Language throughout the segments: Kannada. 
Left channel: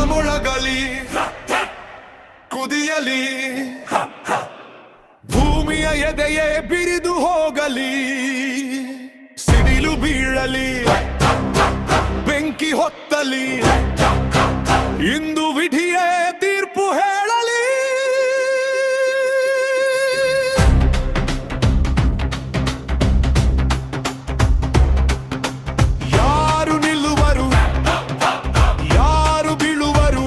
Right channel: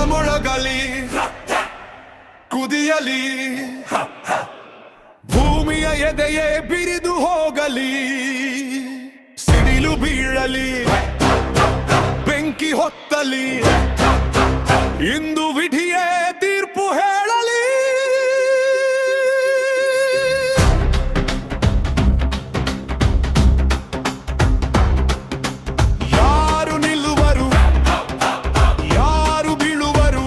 ರಣಮೊಳಗಲಿ ಕುದಿಯಲಿ, ಭೂಮಿಯ ಎದೆಯೇ ಬಿರಿದು ಹೋಗಲಿ, ಸಿಡಿಲು ಬೀಳಲಿ, ಬೆಂಕಿ ಹೊತ್ತಲಿ, ಇಂದು ವಿಧಿಯೇ ತೀರ್ಪು ಹೇಳಲಿ. ಯಾರು ನಿಲ್ಲುವರು, ಯಾರು ಬೀಳುವರು,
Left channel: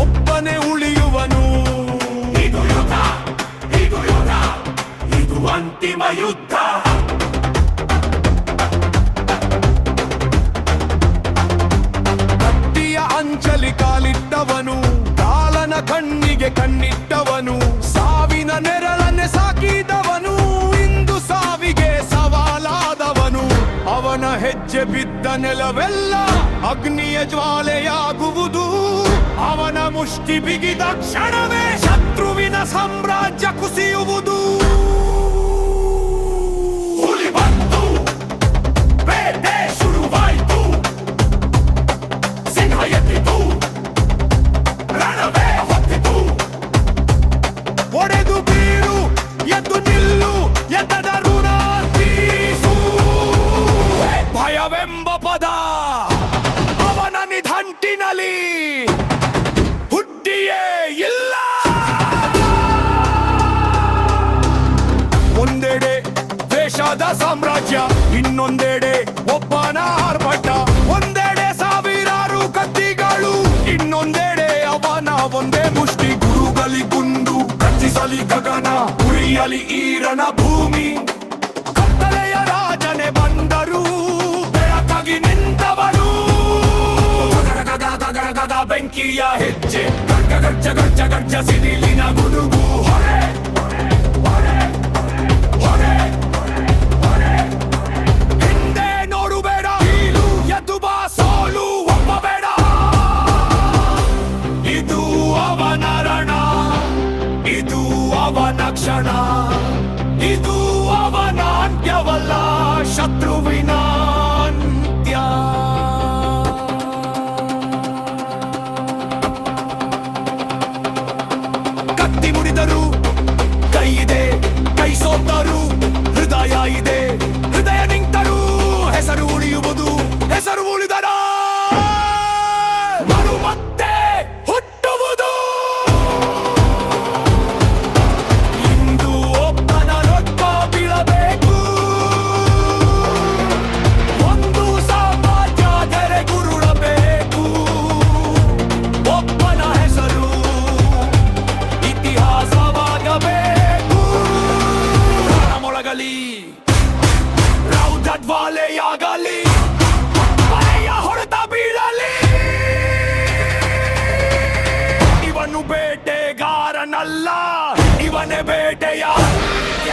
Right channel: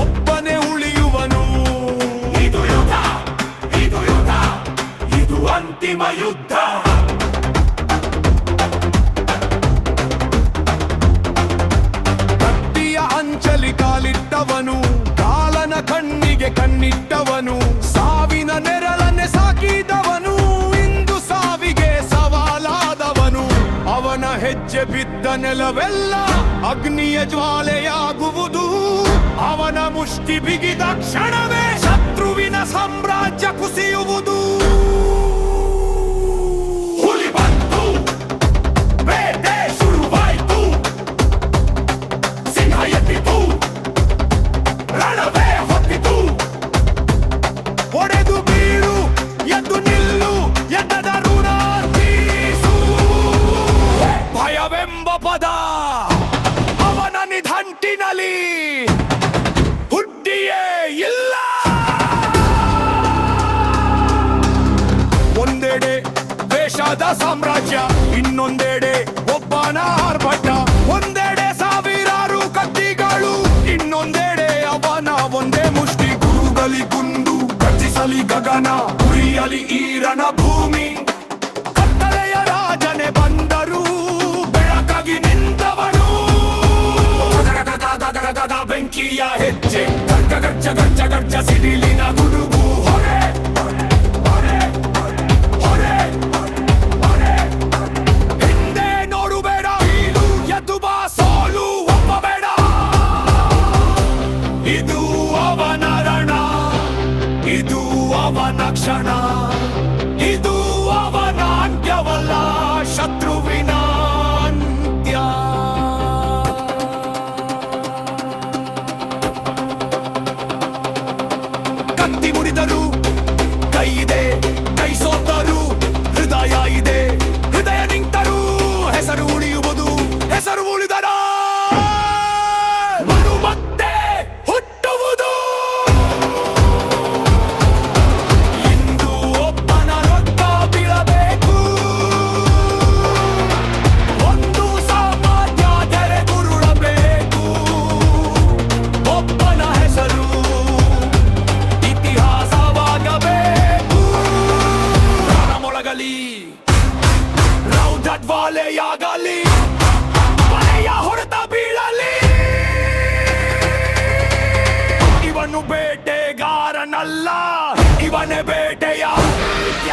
ಒಬ್ಬನೇ ಉಳಿಯುವನು. ಇದು ಯುದ್ಧ, ಇದು ಯುದ್ಧ, ಇದು ಅಂತಿಮ ಯುದ್ಧ. ಅಂಚಲಿ ಕಾಲಿಟ್ಟವನು, ಕಾಲನ ಕಣ್ಣಿಗೆ ಕಣ್ಣಿಟ್ಟವನು, ಸಾವಿನ ನೆರಳನ್ನೇ ಸಾಕಿದವನು, ಇಂದು ಸಾವಿಗೆ ಸವಾಲಾದವನು. ಅವನ ಹೆಜ್ಜೆ ಬಿದ್ದ ನೆಲವೆಲ್ಲ ಅಗ್ನಿಯ ಜ್ವಾಲೆಯಾಗುವುದು. ಅವನ ಮುಷ್ಟಿ ಬಿಗಿದ ಕ್ಷಣವೇ ಶತ್ರುವಿನ ಸಾಮ್ರಾಜ್ಯ ಕುಸಿಯುವುದು. ಒಡೆದು ಬೀರು, ಎದ್ದು ನಿಲ್ಲು, ಎದ್ದದ ಋಣ ತೀರಿಸು. ಭಯವೆಂಬ ಪದ ಅವನ ನಿಘಂಟಿನಲ್ಲಿ ಹುಟ್ಟಿಯೇ ಇಲ್ಲ. ಒಂದೆಡೆ ದೇಶದ ಸಾಮ್ರಾಜ್ಯ, ಇನ್ನೊಂದೆಡೆ ಒಬ್ಬನ ಆರ್ಭಟ. ಒಂದೆಡೆ ಸಾವಿರಾರು ಕತ್ತಿಗಳು, ಇನ್ನೊಂದೆಡೆ ಅವನ ಒಂದೇ ಮುಷ್ಟಿ. ಗುರುಗಲಿ ಗುಂಡು, ಗರ್ಜಿಸಲಿ ಗಗನ, ಉರಿಯಲಿ ಈರನ ಭೂಮಿ. ಕತ್ತಲೆಯ ರಾಜನೆ ಬಂದರು, ಬೆಳಕಾಗಿ ನಿಂತವರು. ಬೆಂಕಿಯ ಹೆಜ್ಜೆ, ಗರ್ಜ ಗರ್ಜ ಗರ್ಜ ಗರ್ಜ, ಸಿಡಿಲಿನ ಗುಡುಗು. ಹೊರೆ ಹೊರೆ ಹೊರೆ ಹೊರೆ, ಹಿಂದೆ ನೋಡುಬೇಡ, ಬೀಳು, ಎದ್ದು ಬಾ, ಸೋಲು ಒಪ್ಪಬೇಡ. ಇದು ಅವನ ರಣ, ಇದು ಅವನ ಕ್ಷಣ, ಇದು ಅವನ ಅಂತ್ಯವಲ್ಲ, ಶತ್ರುವಿನ ಅಂತ್ಯ. ಕತ್ತಿ ಮುರಿದರು ಕೈ ಇದೆ, ಕೈ ಸೋತರು ಹೃದಯ ಇದೆ. ಹೃದಯ ನಿಂತರು ಹೆಸರು ಉಳಿಯುವುದು, ಹೆಸರು ಉಳಿದರ ಮರು ಮತ್ತೆ ಹುಟ್ಟುವುದು. ಇಂದು ಒಬ್ಬನ ರೊಕ್ಕ ಬೀಳಬೇಕು, ಒಂದು ಸಾಮ್ರಾಜ್ಯ ಧರೆಗುರುಳಬೇಕು. ಒಬ್ಬನ ಹೆಸರು ಇತಿಹಾಸವಾಗಬೇಕು. ರಣಮೊಳಗಲಿ, ರೌದ್ರಜ್ವಾಲೆಯಾಗಲಿ, ಬಲೆಯ ಹೊಡೆತ ಬೀಳಲಿ. ಇವನು ಬೇಟೆಗಾರನಲ್ಲ, ಇವನೇ ಬೇಟೆಯ ಅಂತ್ಯ.